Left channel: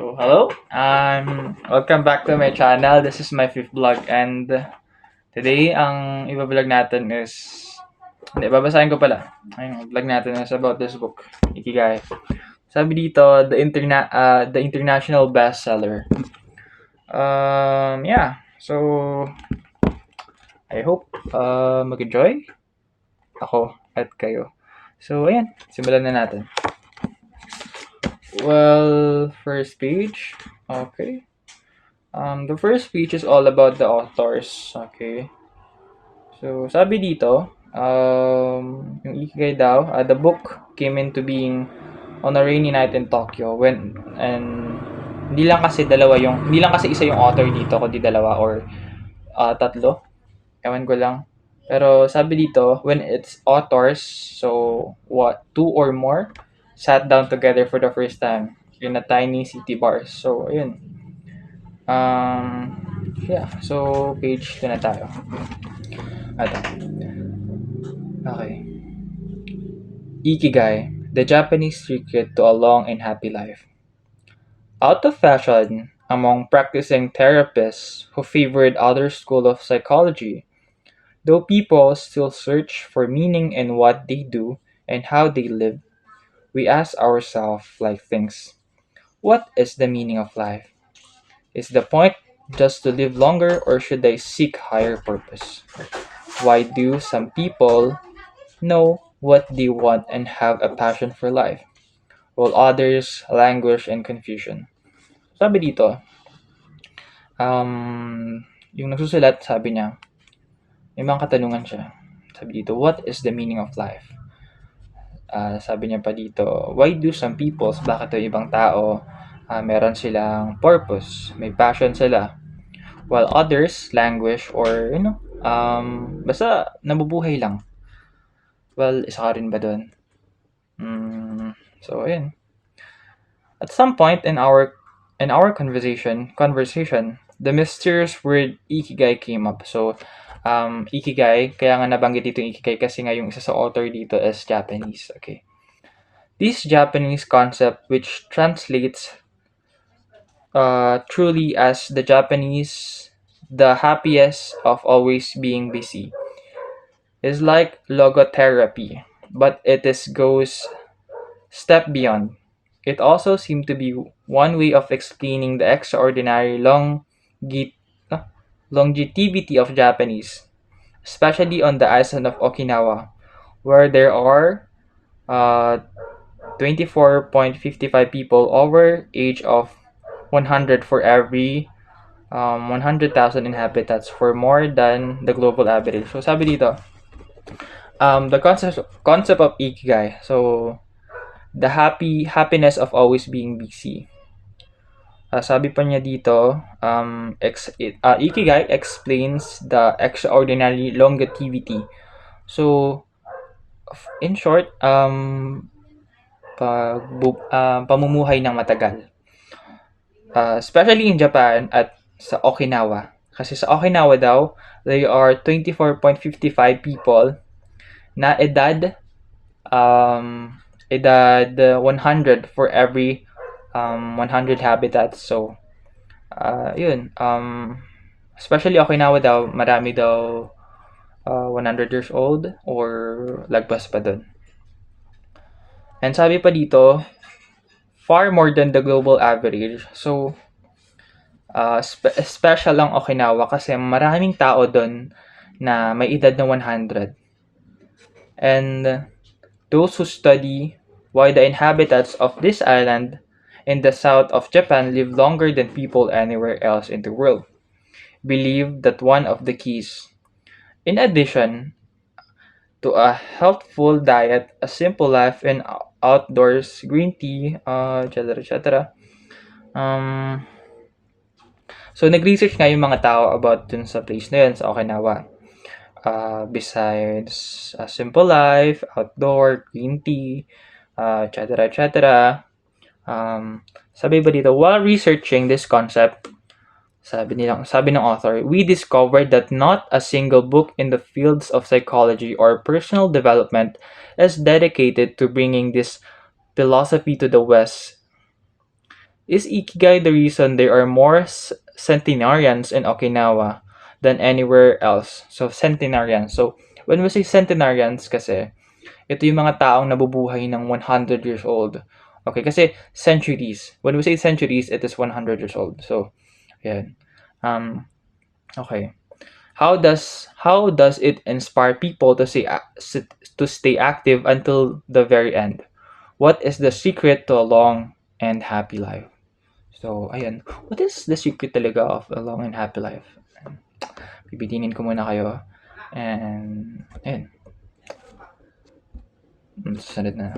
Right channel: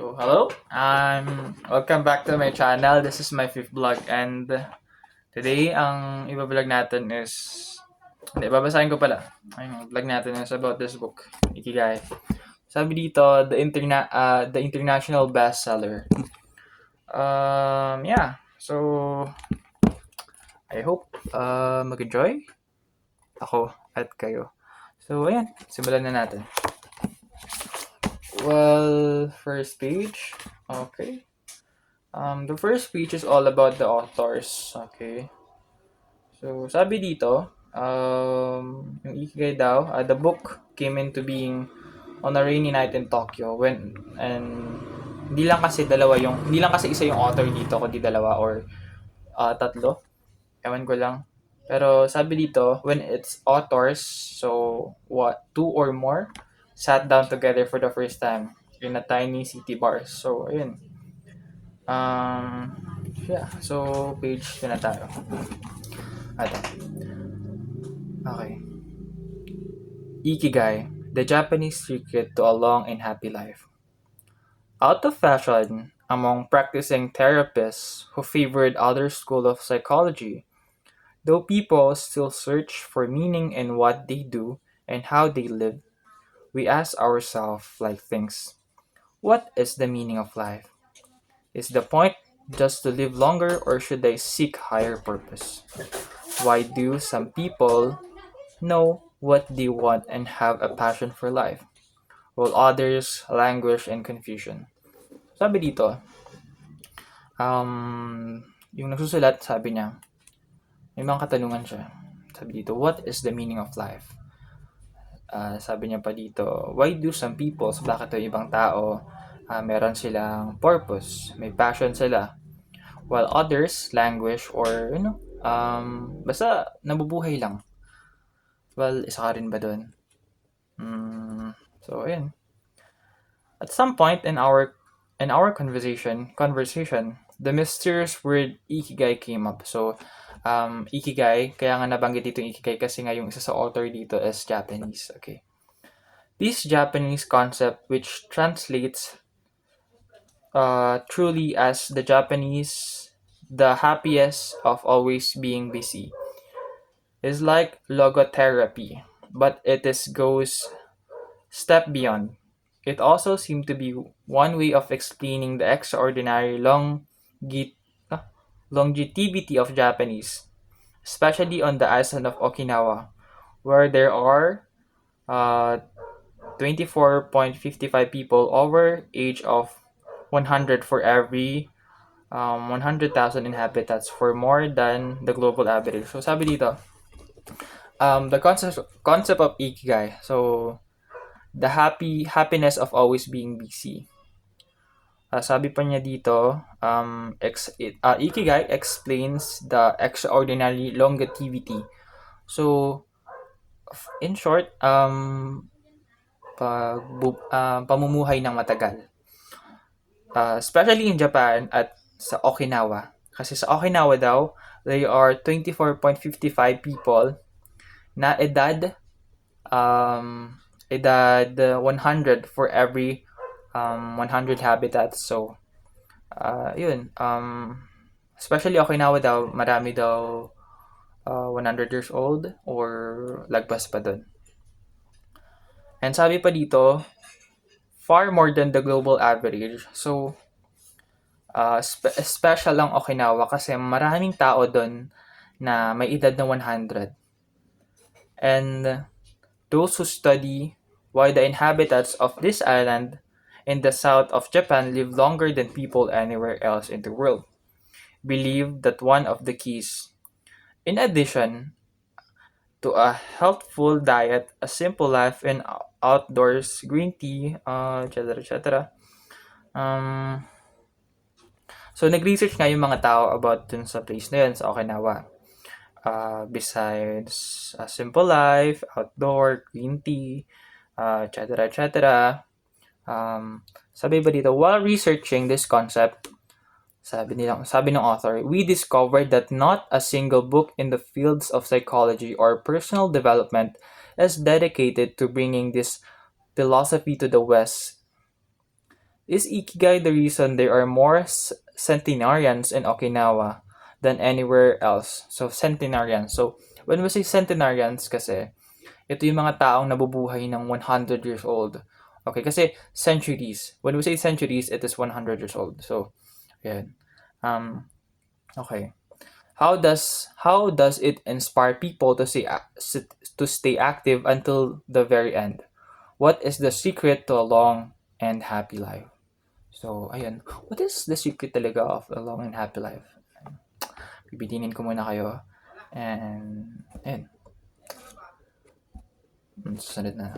So, hello. Welcome back to my channel. This is my fifth vlog and today ang iba-vlog natin is hindi, babasahin ko pala. Ang vlog natin is about this book, Ikigai. Sabi dito, the international bestseller. Yeah. So, I hope mag-enjoy ako at kayo. So, ayan. Simulan na natin. Well, first page. Okay. The first page is all about the authors. Okay. So, sabi dito, yung Ikigai daw, the book came into being on a rainy night in Tokyo and hindi lang kasi isa yung author dito, kundi dalawa or tatlo. Ewan ko lang. Pero sabi dito, when it's authors, so two or more sat down together for the first time in a tiny city bar. So, ayun. Yeah. So, page na tayo. Ito. Okay. Ikigai, the Japanese secret to a long and happy life. Out of fashion among practicing therapists who favored other school of psychology, though people still search for meaning in what they do and how they live, we ask ourselves like things. What is the meaning of life? Is the point just to live longer or should I seek higher purpose? Why do some people know what they want and have a passion for life, while others languish in confusion? Sabi dito, yung nagsusulat, sabi niya, may mga katanungan siya. Sabi dito, what is the meaning of life? Sabi niya pa dito, why do some people, bakit yung ibang tao, meron silang purpose, may passion sila, while others languish or, basta nabubuhay lang. Well, isa ka rin ba doon? So, ayun. At some point in our conversation, the mysterious word ikigai came up. So, ikigai, kaya nga nabanggit dito yung ikigai kasi nga yung isa sa author dito is Japanese. Okay. This Japanese concept, which translates truly as the happiest of always being busy, is like logotherapy, but goes step beyond. It also seemed to be one way of explaining the extraordinary longevity of Japanese, especially on the island of Okinawa, where there are 24.55 people over age of 100 for every 100,000 inhabitants for more than the global average. So sabi dito, the concept of ikigai. So the happiness of always being busy. Sabi pa niya dito, Ikigai explains the extraordinary longevity. So, in short, pamumuhay ng matagal. Especially in Japan at sa Okinawa. Kasi sa Okinawa daw, there are 24.55 people na edad 100 for every 100 habitats. So, yun. Especially Okinawa daw, marami daw 100 years old or lagpas pa dun. And sabi pa dito, far more than the global average. So, special lang Okinawa kasi maraming tao dun na may edad na 100. And those who study why the inhabitants of this island in the south of Japan live longer than people anywhere else in the world believe that one of the keys, in addition to a healthful diet, a simple life in outdoors, green tea, etc., etc. So, nag-research nga yung mga tao about dun sa place na yun, sa Okinawa. Besides a simple life, outdoor, green tea, etc., etc. Sabi ba dito, while researching this concept, sabi ng author, we discovered that not a single book in the fields of psychology or personal development is dedicated to bringing this philosophy to the West. Is Ikigai the reason there are more centenarians in Okinawa than anywhere else? So, centenarians. So, when we say centenarians kasi, ito yung mga taong nabubuhay ng 100 years old. Okay, kasi centuries. When we say centuries, it is 100 years old. So, ayan. Okay. How does it inspire people to stay active until the very end? What is the secret to a long and happy life? So, ayan. What is the secret talaga of a long and happy life? Bibitinin ko muna kayo. And, ayan. Sunod na.